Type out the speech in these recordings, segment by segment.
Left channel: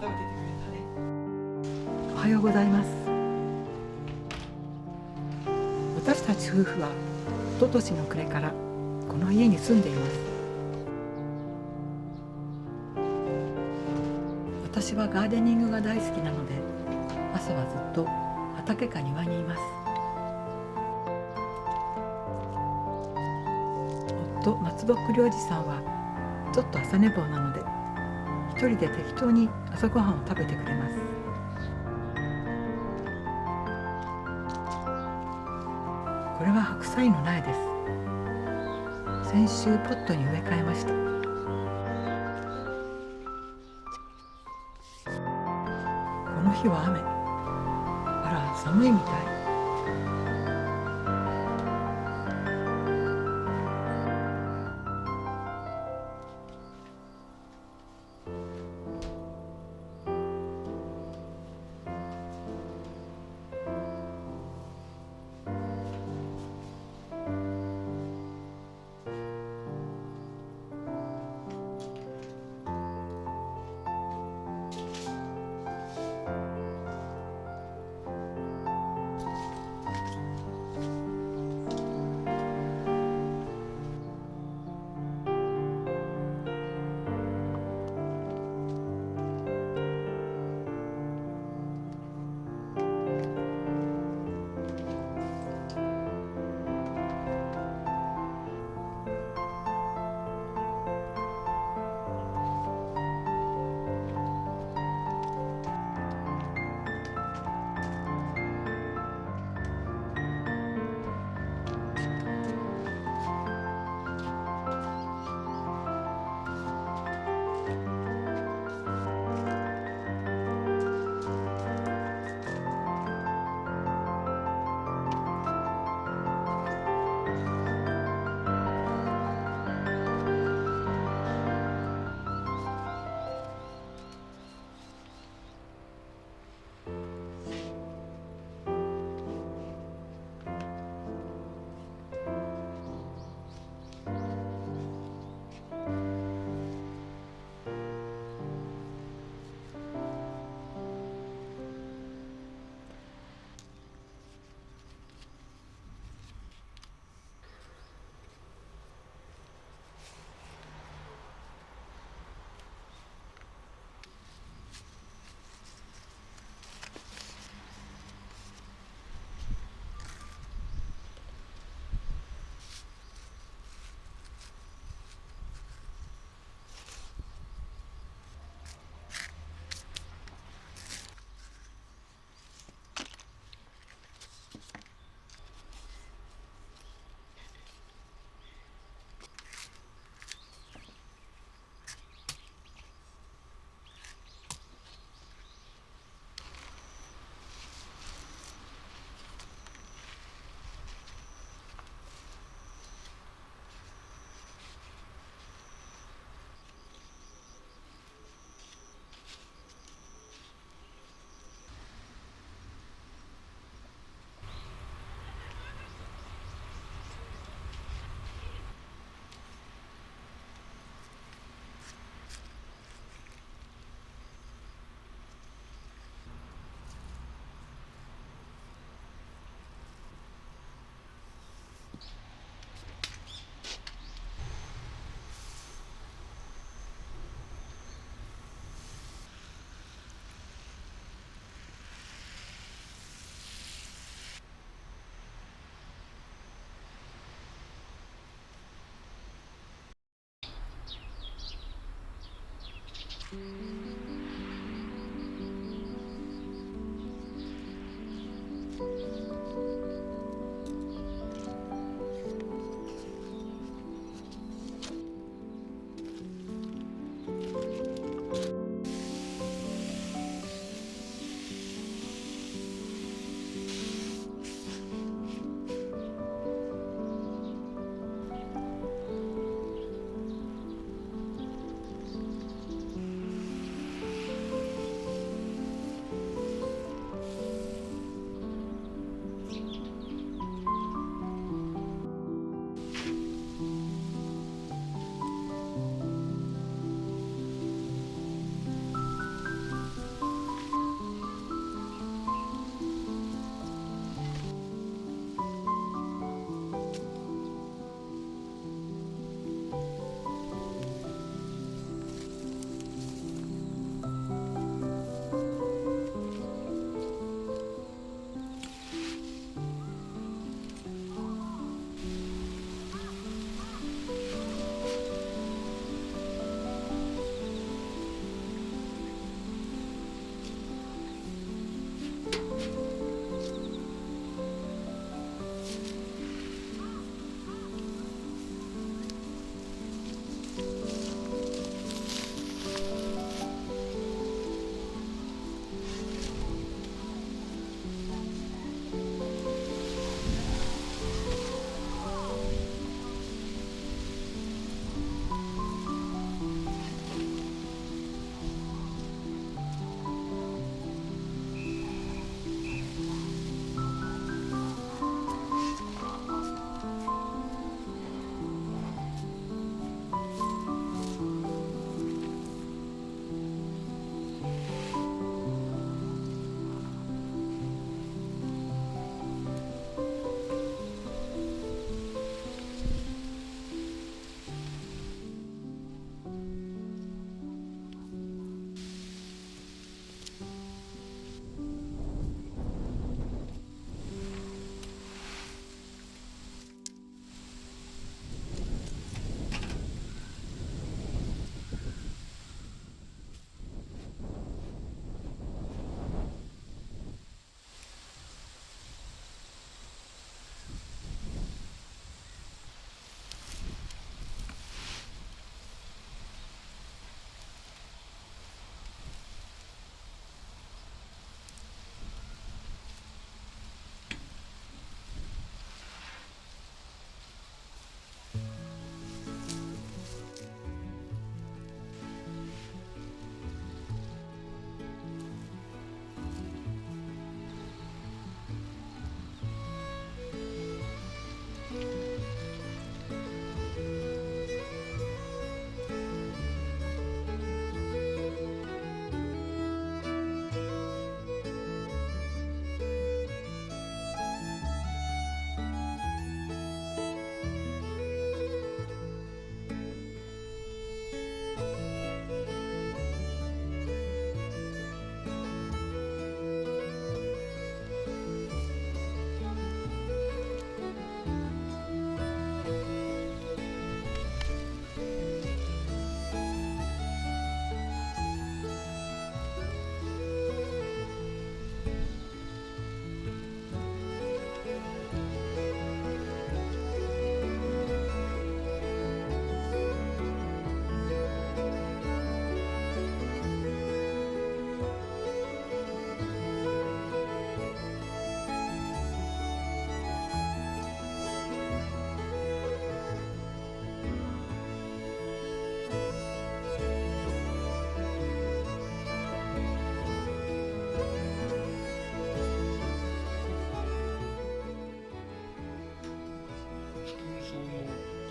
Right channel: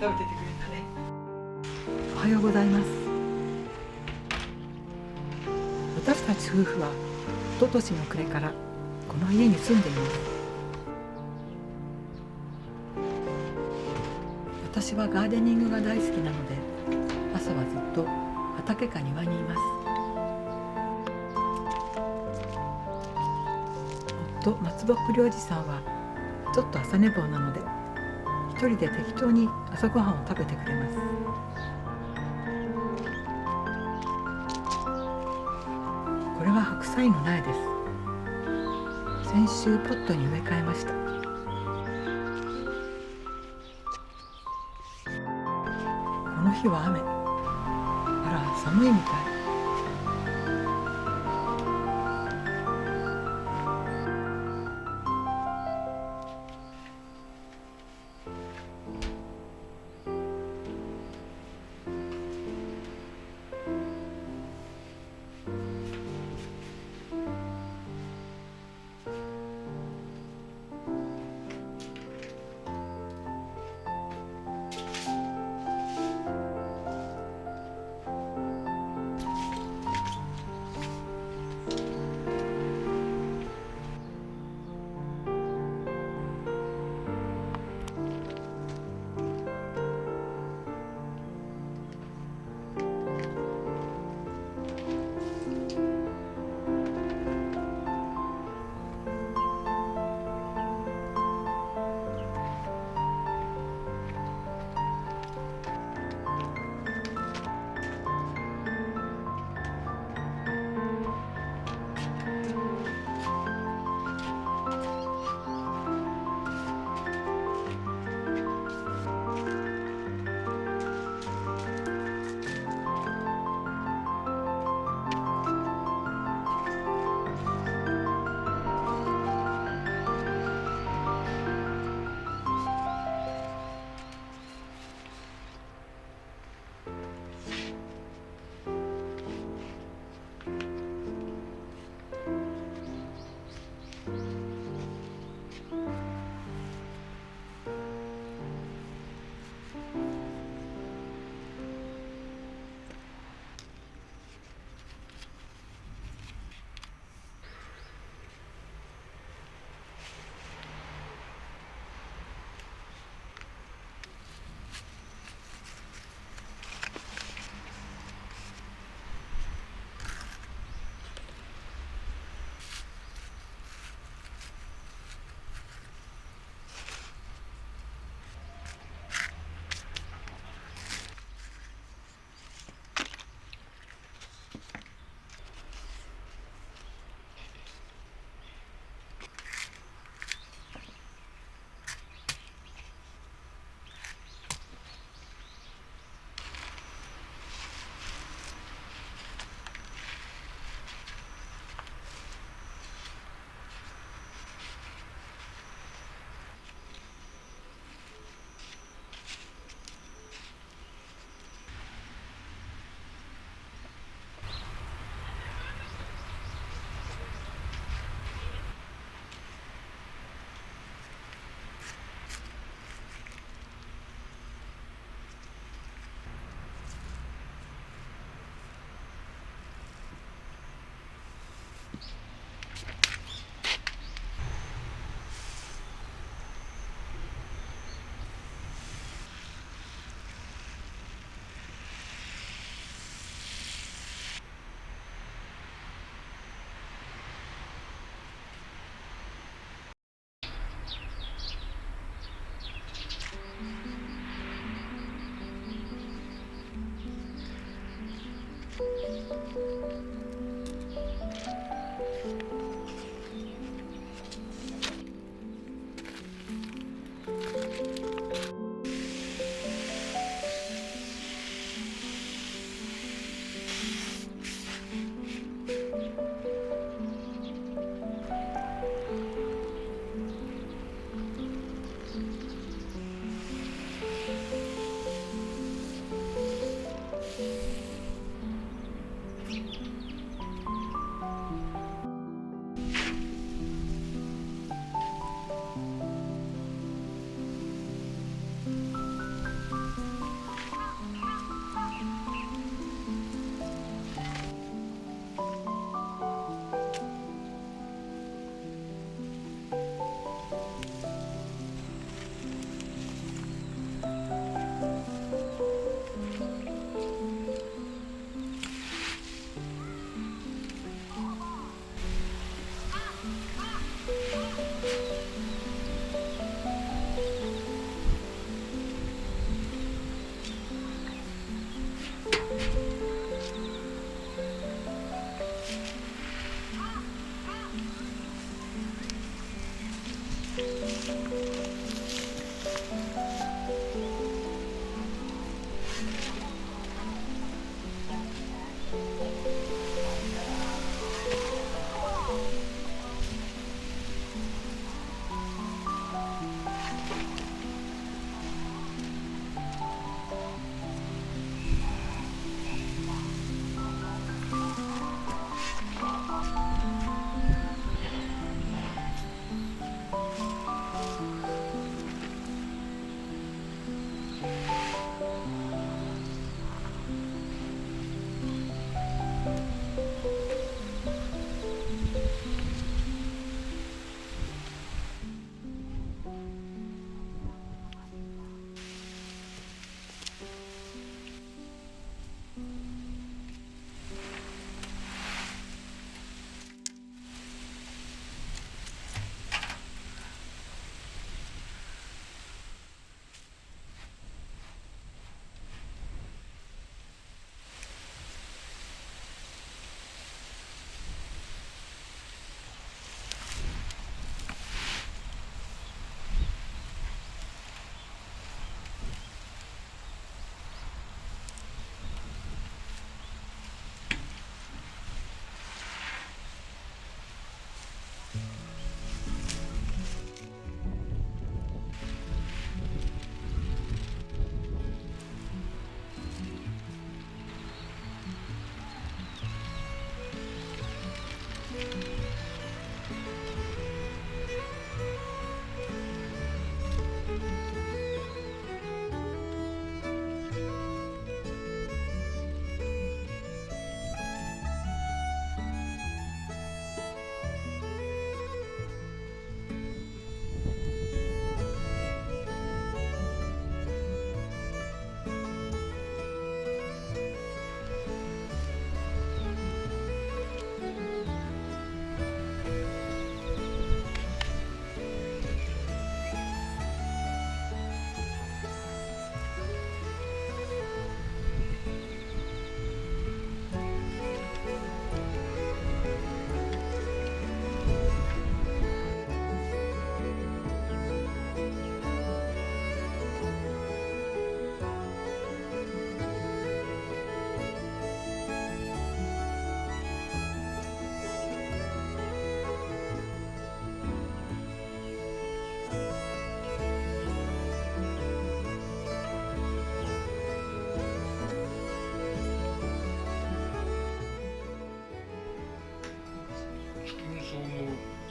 食べててくれたね。おはようございます。私たち夫婦は一昨年の暮れからこの家に住んでいます。私はガーデニングが大好きなので、朝はずっと畑か庭にいます。夫松木良二さんはちょっと朝寝坊なので、一人で適当に朝ごはんを食べてくれます。これは白菜の苗です。先週ポットに植え替えました。この日は雨。あら、寒いみたい。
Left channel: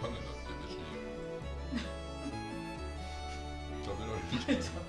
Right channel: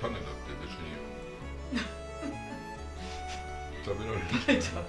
種だって別に食べられるじゃない。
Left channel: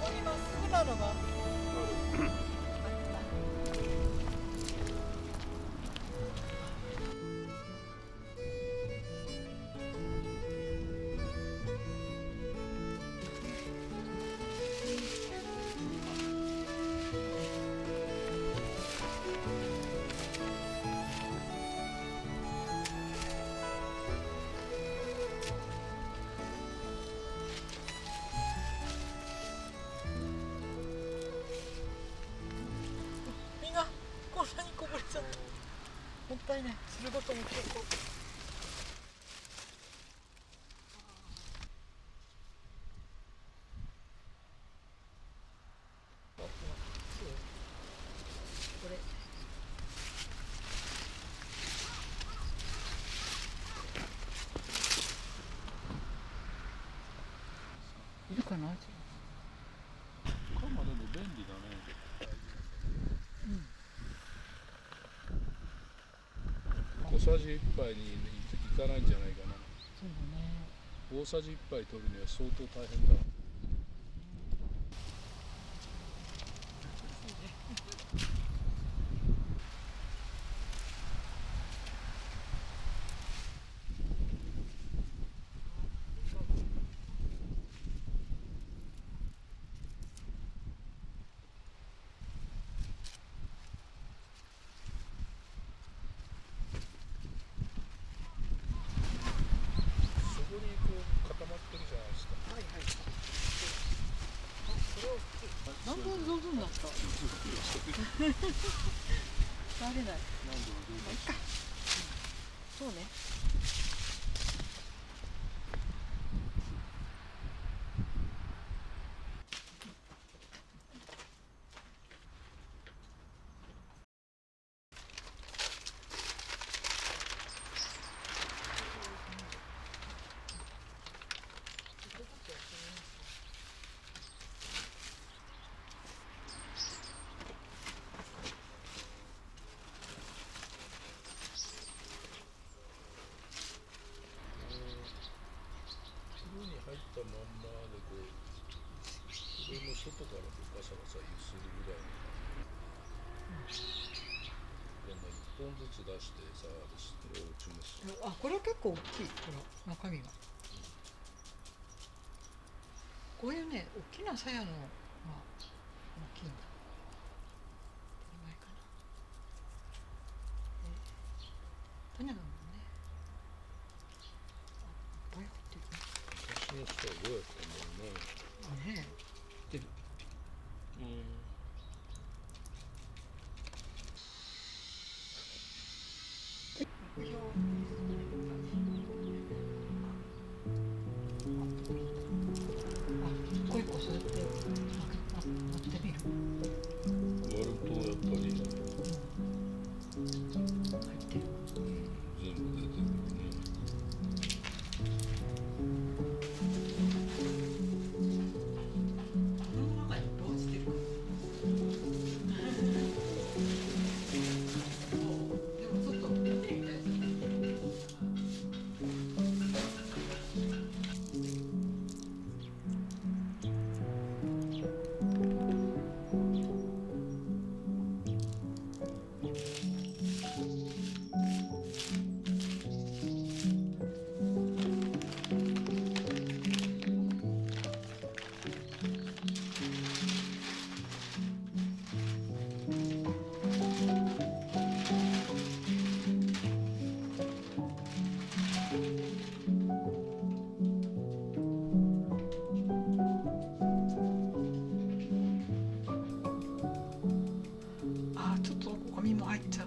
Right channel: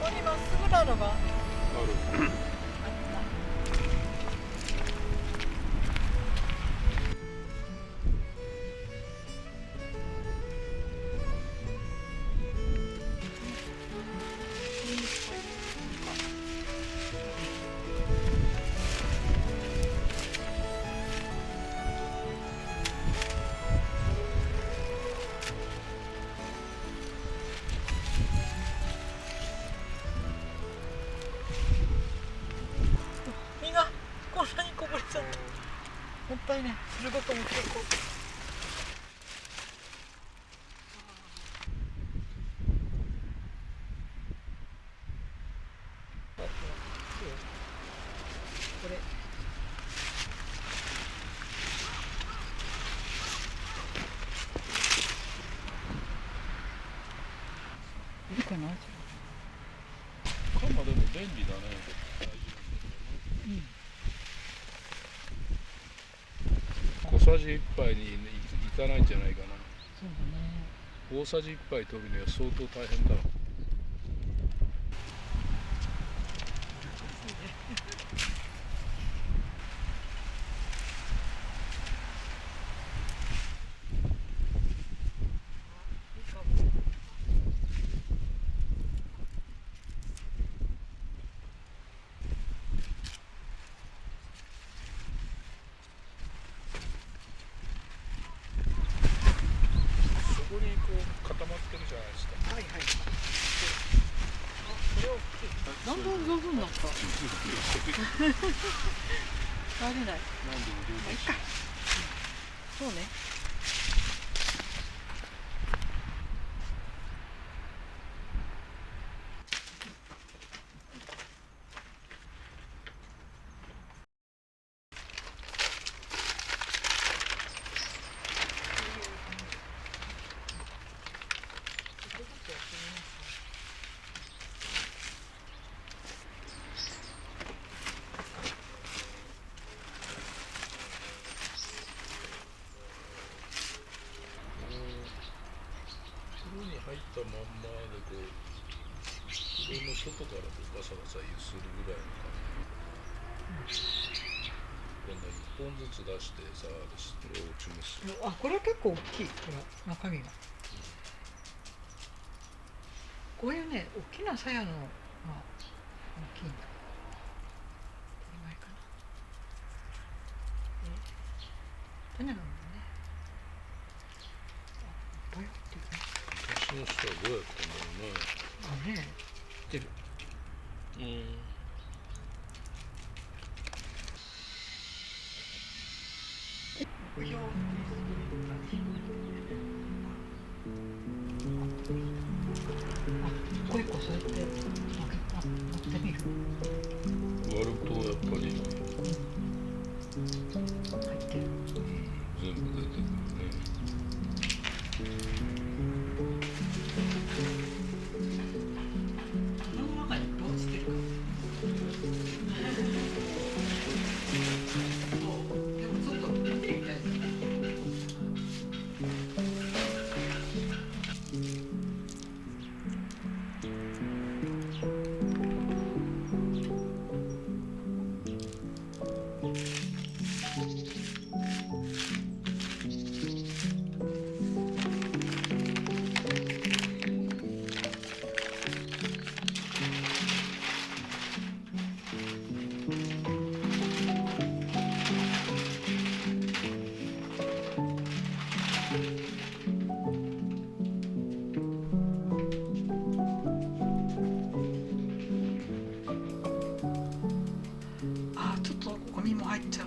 ここにまっすぐなのがあっある。た。実がこんなにこぼれちゃった。もったいない。汁ごと持っていこう。これいるかな。鎌でも便利だね。小さじ1杯にいかないんじゃないかな。そうだね。大さじ1杯取るには相当大変だろう。そこにこう固まってるじゃないですか。はいはい。あ、これ大きい。だんだん上手になった。入れない。何でも上手し。そうね。袋に入ったまんまでこう袋の外からこうガサガサ揺するぐらいの感じ。今度1本ずつ出してさ、これを落ちます。あ、これは結構大きい。この中身が。こういうね、大きな鞘のが大きいんだ。これぐらいかな。種なのね。あ、いっぱい入ってるね。昔の人はどうやったんだろうね。あ、ねえ。出る。目標テストという感じになってるね。あ、一個一個そうやって持ってみる。割るとやっぱり入ってる。全部出てくるね。この中にどうしてるか。でもちょっと見てみたいですね。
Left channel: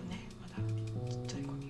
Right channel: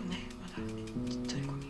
ね、まだちっちゃい子に。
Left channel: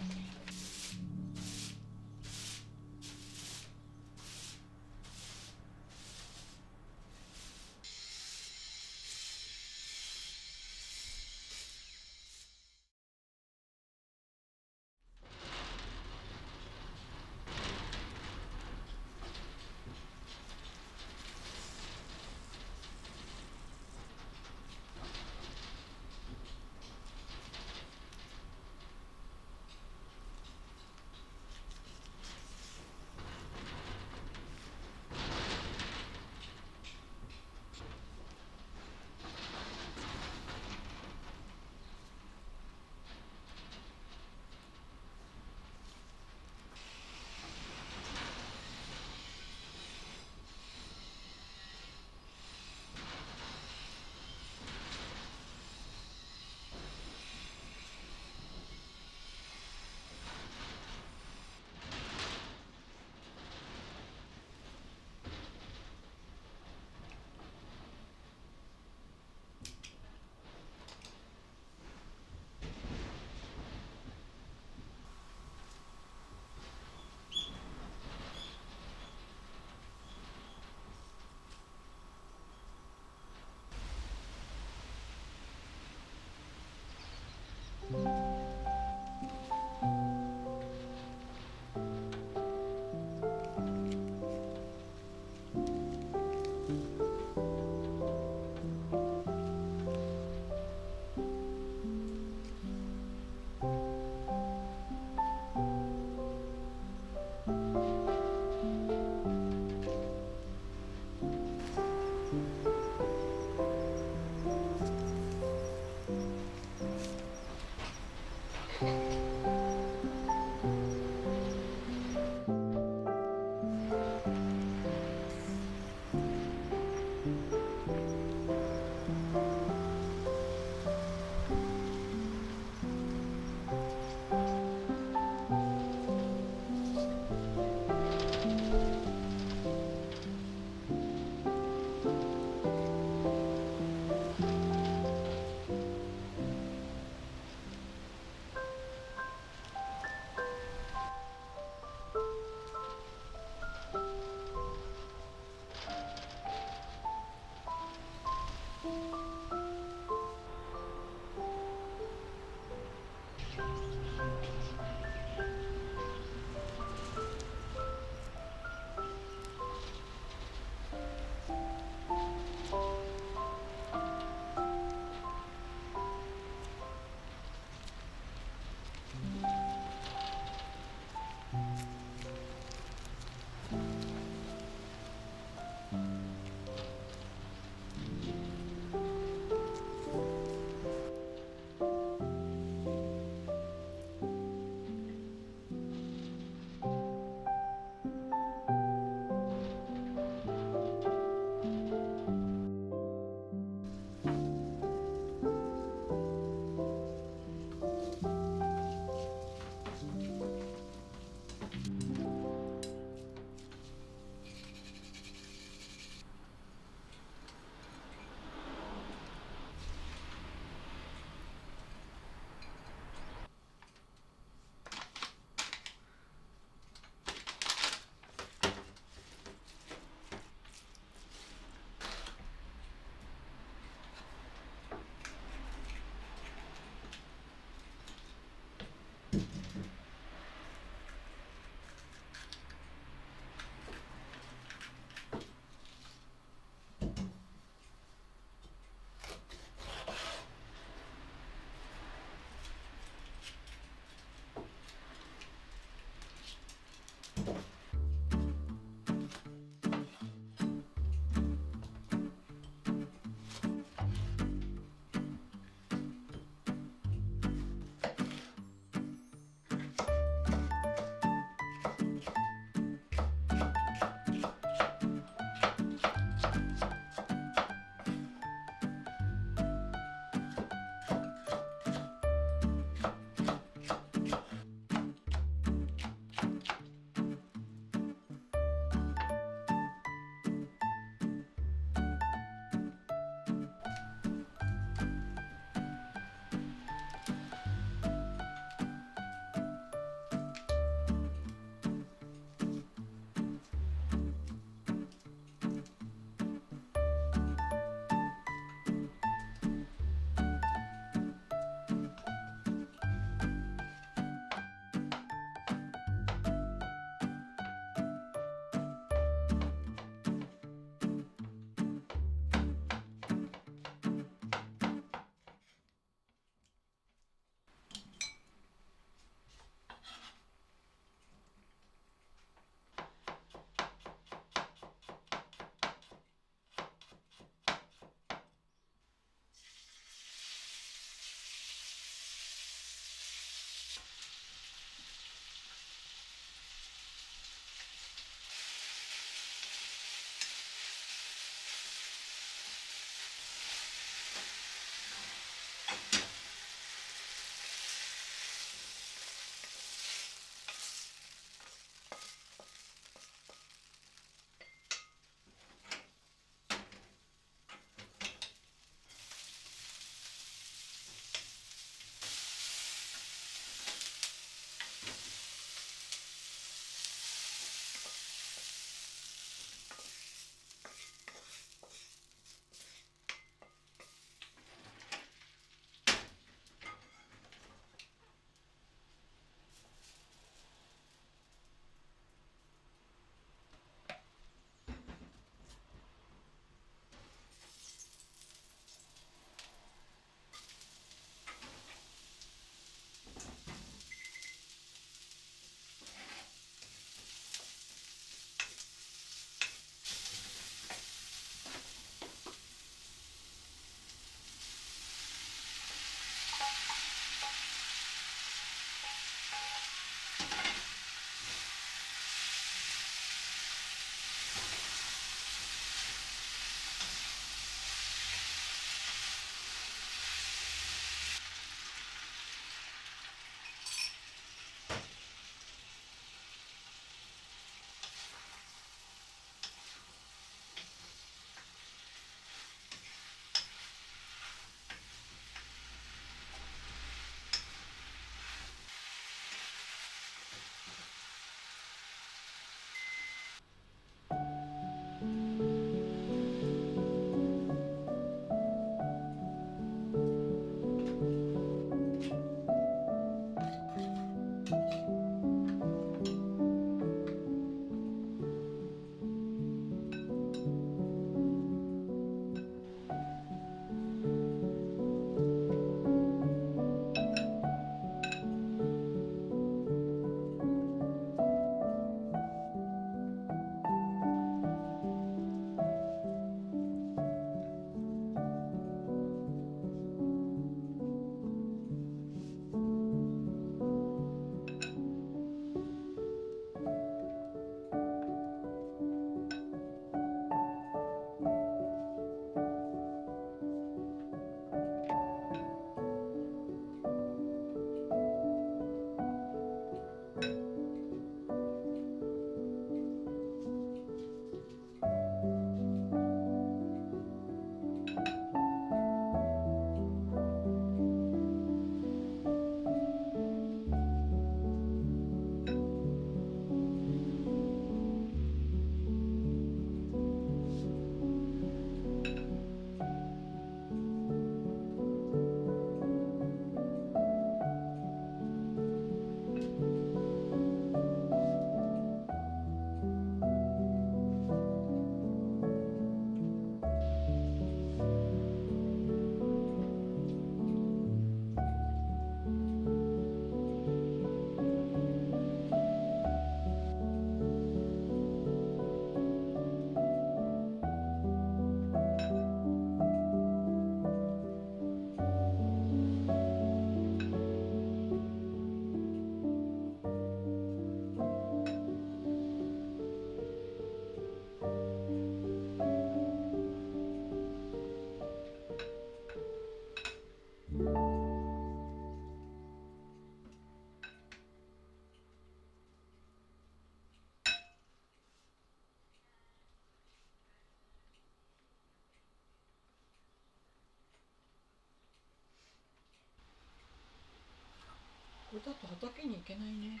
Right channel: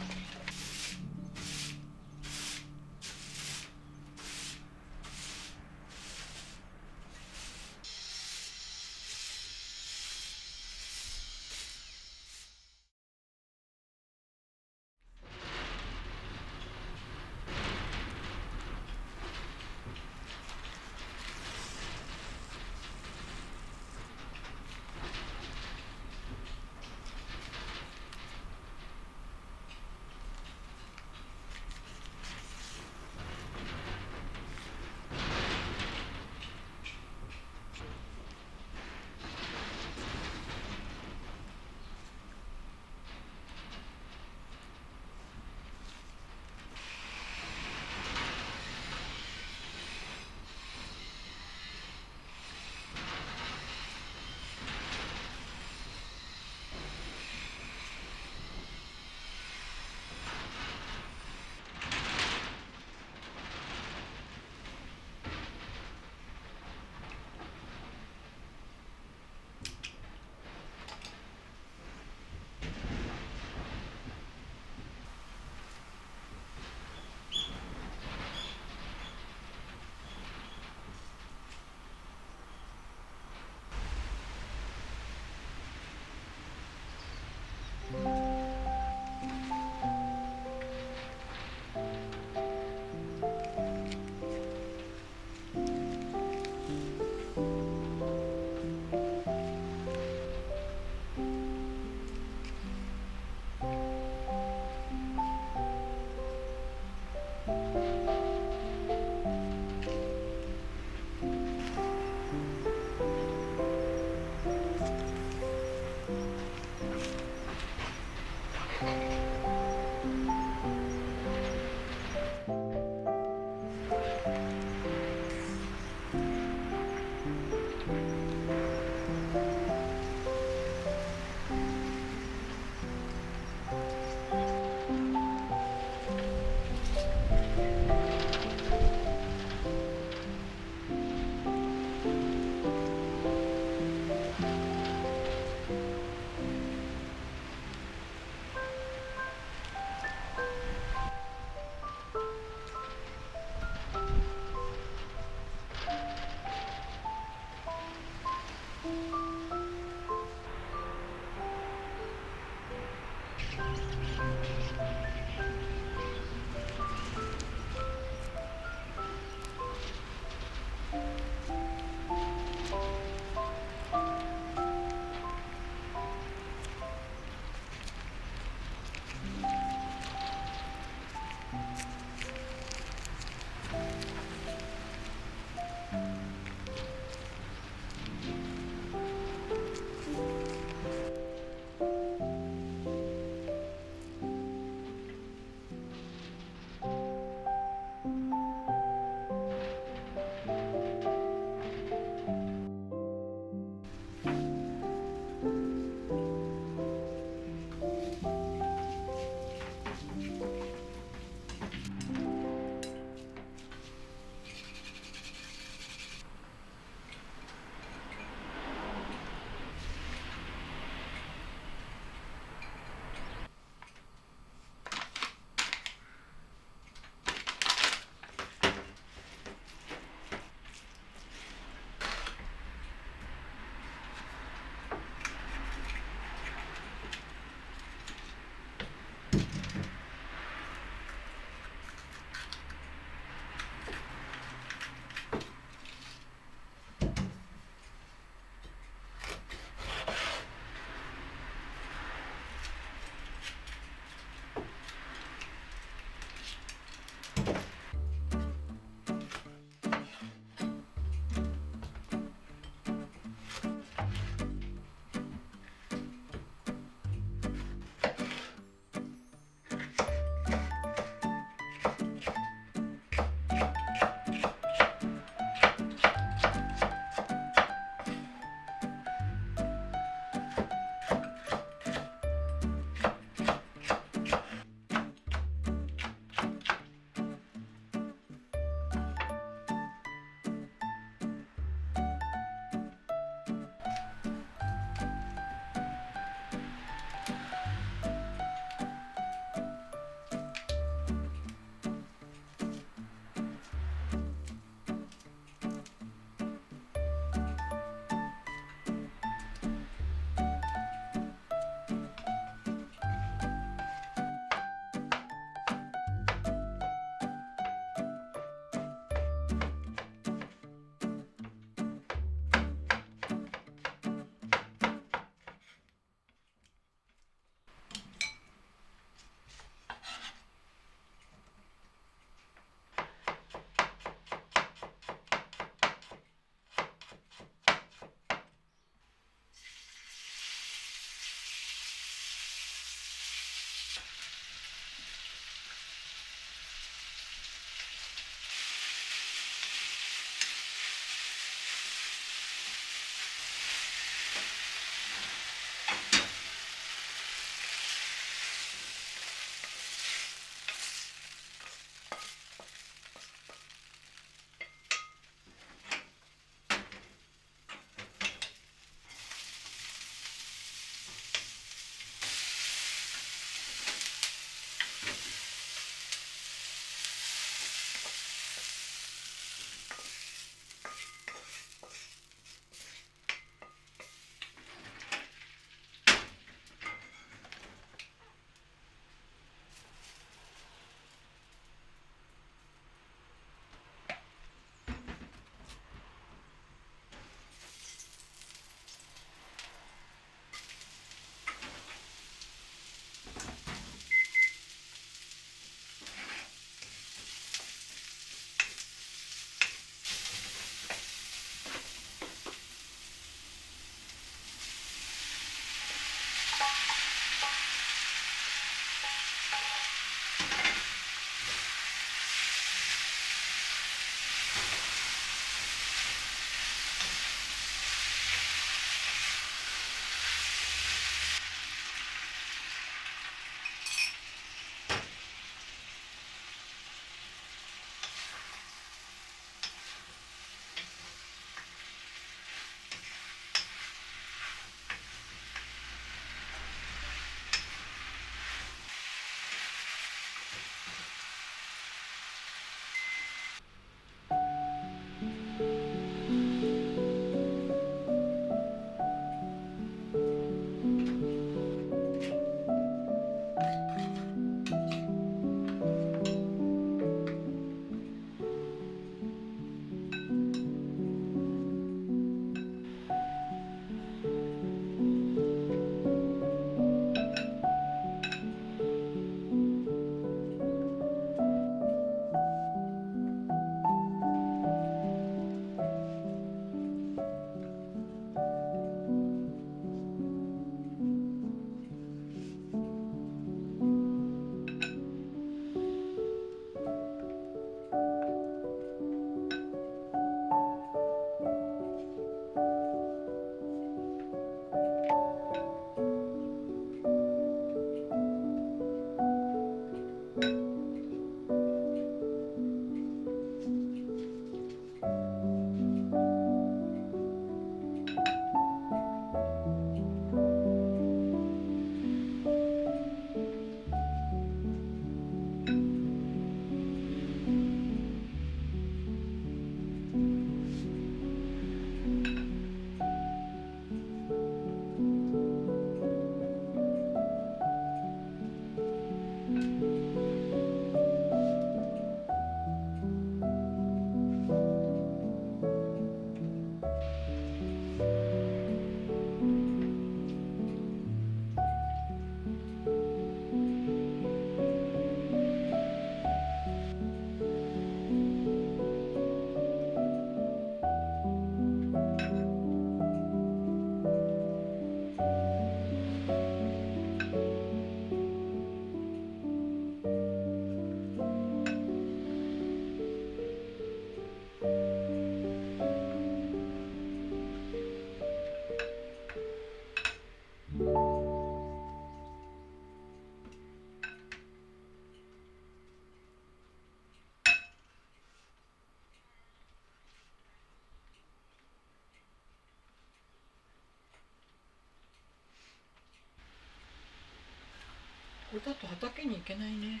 これだと畑に行けないね。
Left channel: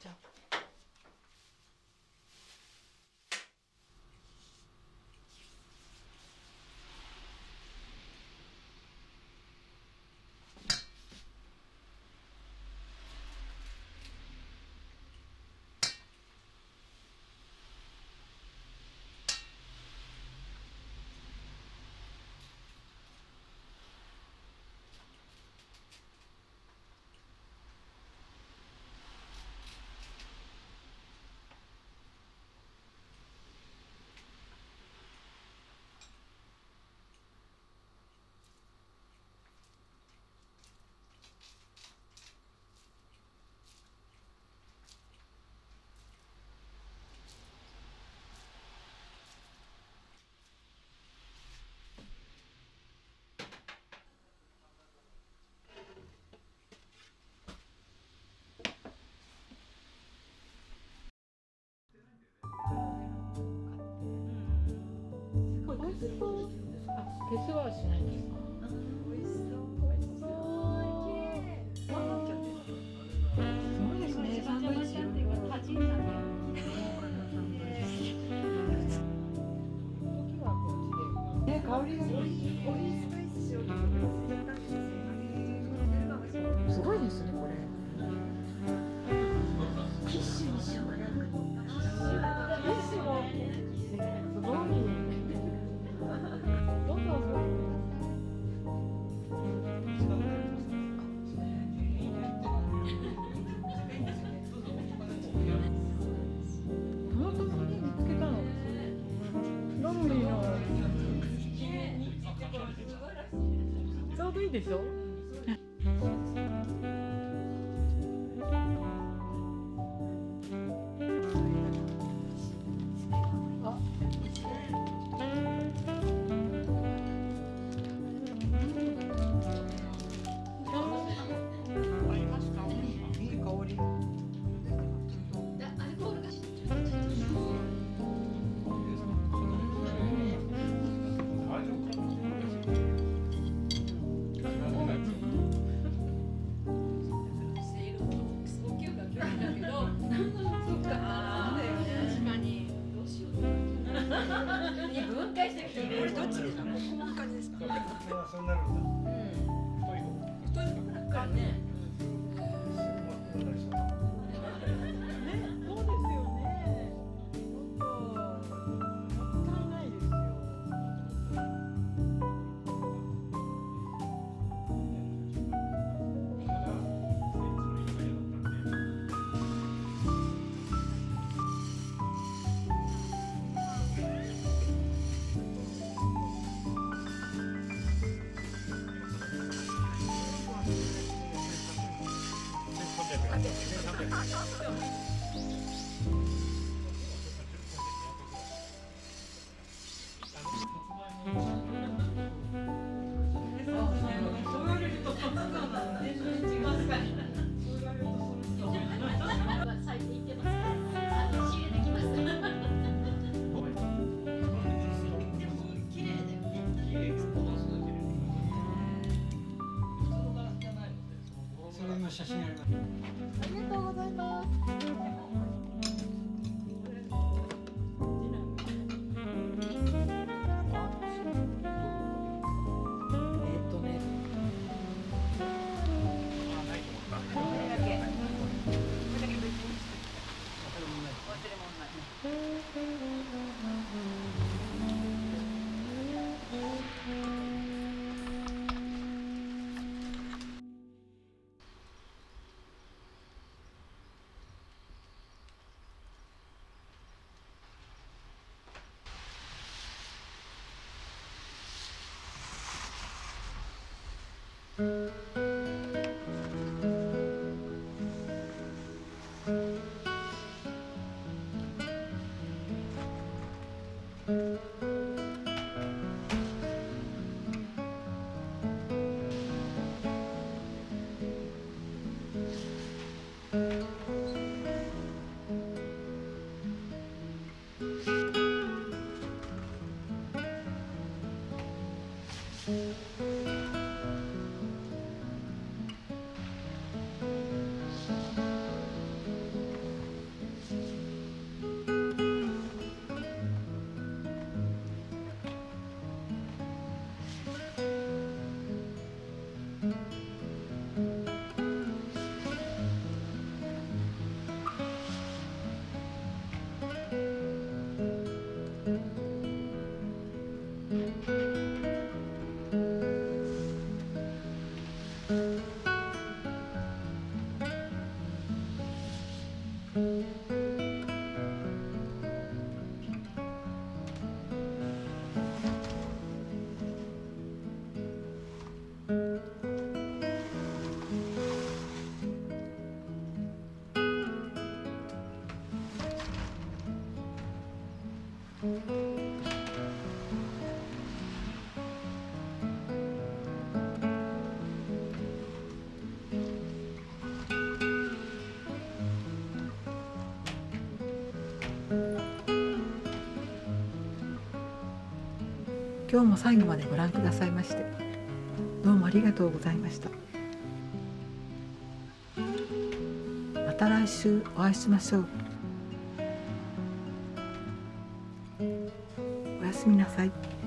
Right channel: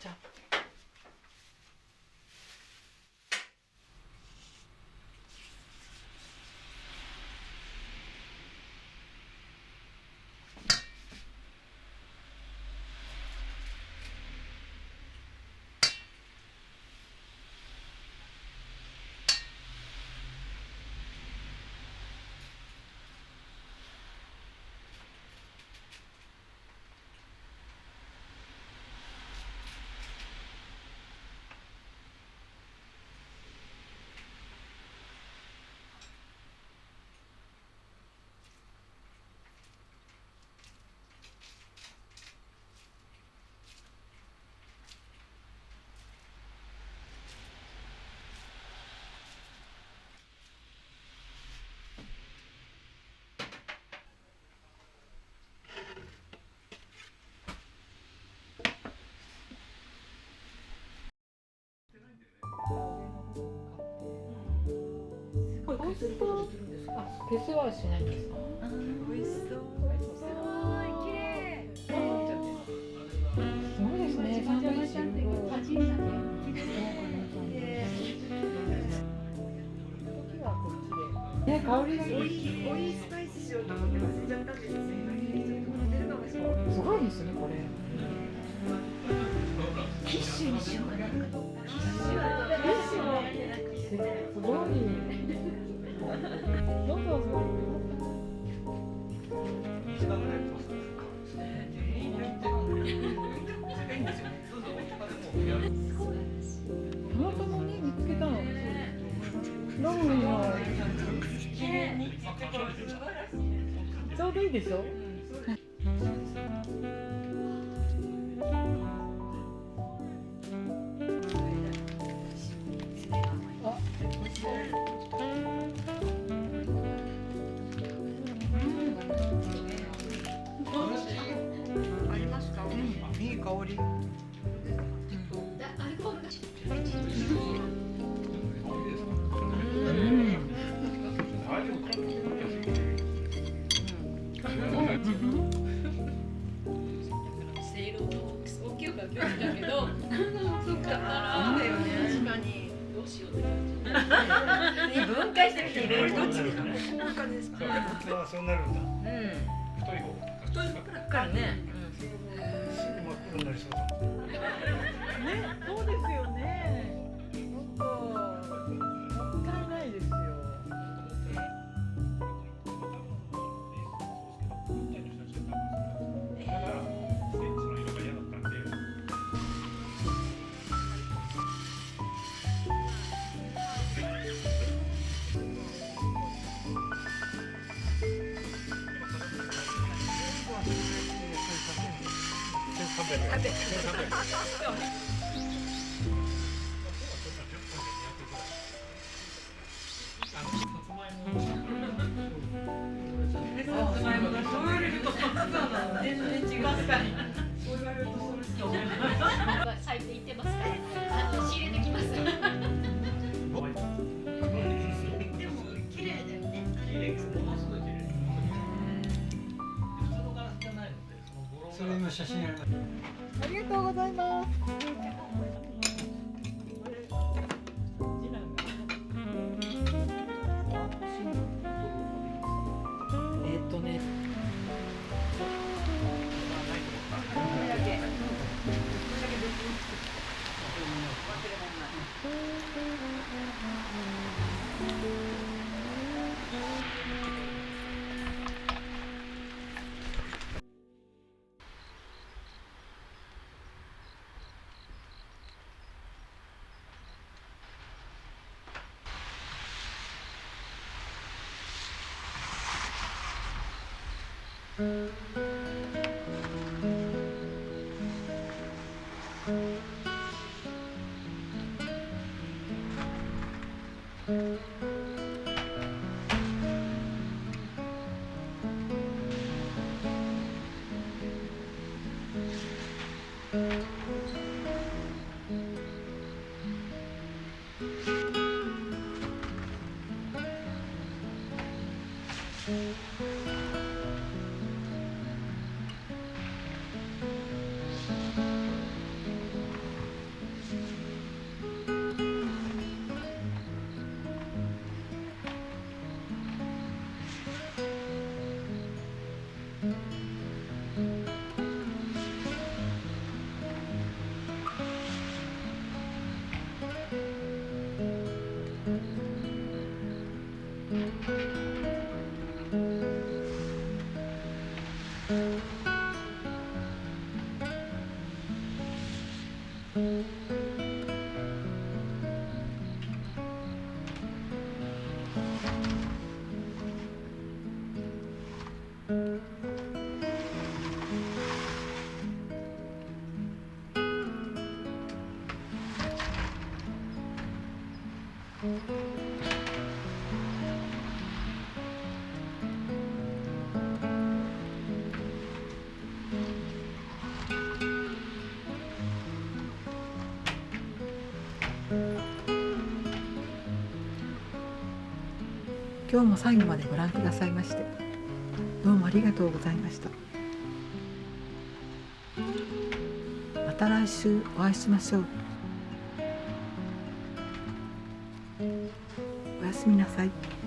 じゃあ削ることできるんですか？削はしないです。美味しそう。綺麗。すごいですね。サンドイッチ。ね、香りがいい。すごいですね、これ。キッシュにしようかな。キッシュも。すごい。どうぞ。本当に見つけたの。ロングの。ちょうどいいでしょ。いい香り。分解してみていろいろどっちですか？こんな感じですか？そうなるんだ。太い方からね。ね、そうですよね。本当、もったいないですよ。咲いていてますね。仕入れてきます。綺麗だよね。それ今写真あります。ありがとうございます。今日も最後までご覧くださいましてどうもありがとうございました。また来週お会いしましょう。おやすみなさい。